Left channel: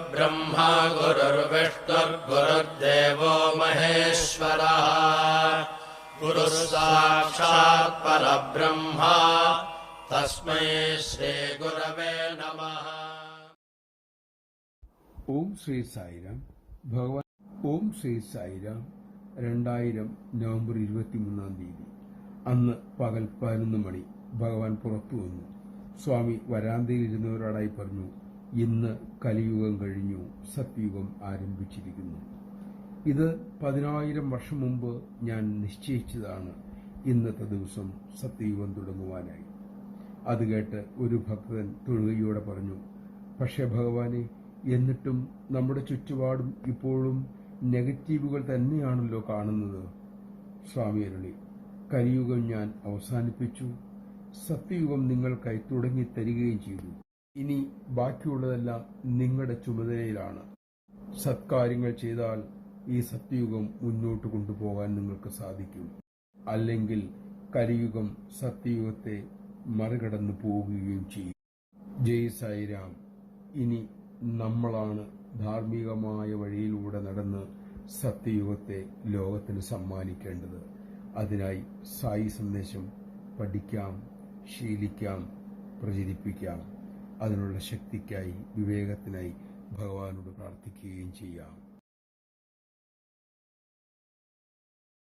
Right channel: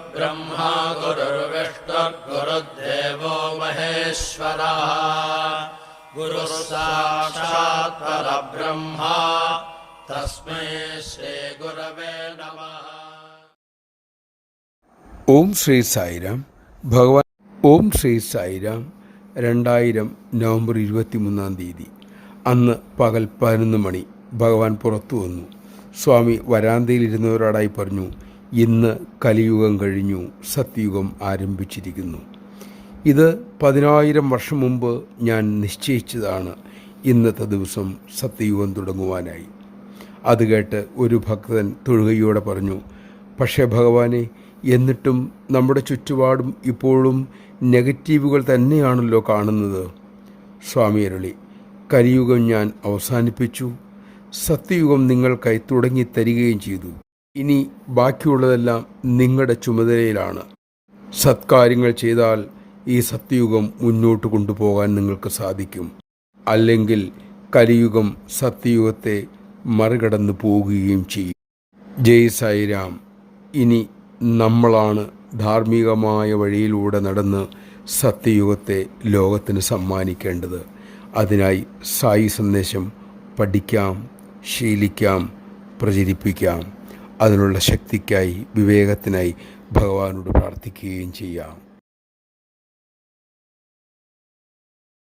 गुरुर्ब्रह्मा गुरुर्विष्णुर्गुरुर्देवो महेश्वरः गुरुः साक्षात् परब्रह्म तस्मै श्रीगुरवे नमः. ഓം ശ്രീ സായിരാം. ഭഗവാൻ ഓം ശ്രീ സായിരാം. 2000 നവംബർ 23 അന്ന് പകൽ 11 മണി ഭഗവാൻ പുറത്തു വന്നു. സ്വാമി വരാന്തയിലിരുന്നവരോടായി പറഞ്ഞു, ഇന്ന് കലിയുഗം കഴിഞ്ഞു, സത്യയുഗം ആരംഭിച്ചിരിക്കുന്നു. ഇത് 10,000 വർഷം മുമ്പ് ഞാൻ നിശ്ചയിച്ചതാണ്. ഇന്നത്തെ ദിവസം സത്യയുഗം തുടങ്ങുവാനായി. അത് കേട്ട് ഒരു ഭക്തൻ തൊഴുകയോടെ പറഞ്ഞു, പക്ഷേ ഭഗവാനെ, എന്നിട്ടും നമ്മുടെ ചുറ്റുപാടും ഇപ്പോഴും നെഗറ്റീവുകൾ തന്നെയാണല്ലോ കാണുന്നത്. സ്വാമി അരുളി, കലിയുഗം ഞാൻ അവസാനിപ്പിച്ചു. സത്യയുഗം നിങ്ങൾക്കായി തുടങ്ങി തരികയും ചെയ്തു. ഇനി ബാക്കിയുള്ളതെല്ലാം നിങ്ങളുടെ ചുമതലയിലാണ്. സത്കാര്യങ്ങൾ ചെയ്താൽ ഈ സത്യയുഗം മുന്നോട്ട് കൊണ്ടുപോകാൻ നിങ്ങൾക്ക് സാധിക്കും. അല്ലെങ്കിൽ കലിയുഗം സത്യയുഗത്തെ മറികടന്നു പോകുകയും ചെയ്യും. ജയ് സായിരാം. ഇനി നമ്മളാണ് ധാർമ്മികമായ വഴിയിലൂടെ നടന്ന് സത്യയുഗത്തെ ലോകത്തിന് സമ്മാനിക്കേണ്ടത്. അതിനായി സായി സന്ദേശം പഠിക്കാം, ശീലിക്കാം, പ്രചരിപ്പിക്കാം. അതിനുള്ള ശക്തിക്കായി, വിവേകത്തിനായി ഭഗവാനോട് പ്രാർത്ഥിക്കുകയും ചെയ്യാം.